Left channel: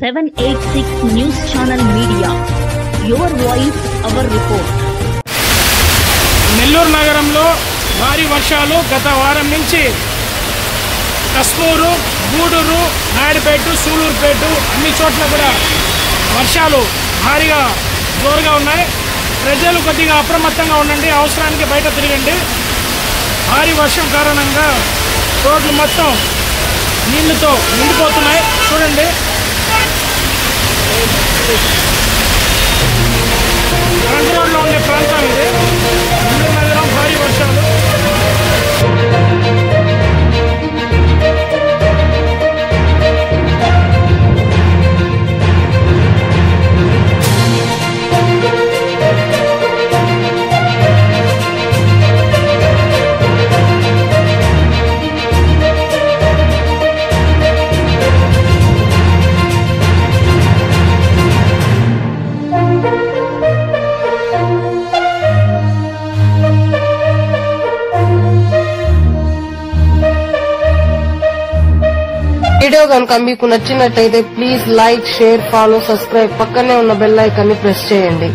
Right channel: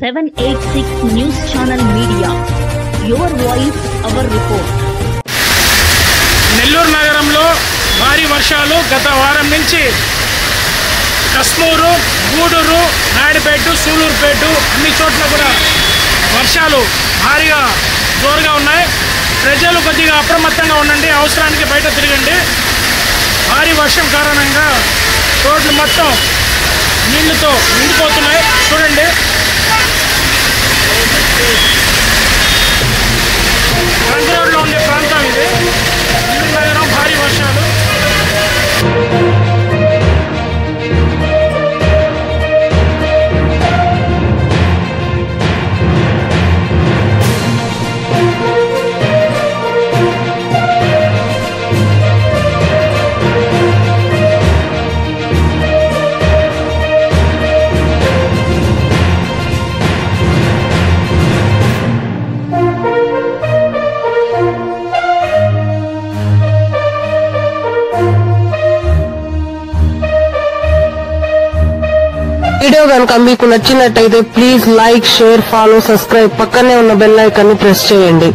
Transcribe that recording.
786 News Channel Media. Your voice, our report. Nellore నగరంలో భారీ వర్షాలు గత వారం నుంచి కస్మూరు, గూడూరు, నాయుడుపేట, సూలూరుపేట అన్ని చోట్ల కూడా వర్షాలు భారీగా జోరుగా ఉన్నాయి. ప్రజలు కొద్దిగా అప్రమత్తంగా ఉండండి, అవసరానికి బయట తిరగండి. భారీ వర్షం కారణంగా రోడ్లు మొత్తం నీళ్లతో నిండిపోతున్నాయి. చూడండి, ట్రంక్ రోడ్లో ఉండే ప్రాంతం ఇది. నెల్లూరు నగరం భారీ వర్షాలు. వీడియో కనుక మీకు నచ్చినట్టయితే please like, share, follow, subscribe, పక్కనే ఉన్న బెల్ ఐకాన్ ని ప్రెస్ చేయండి.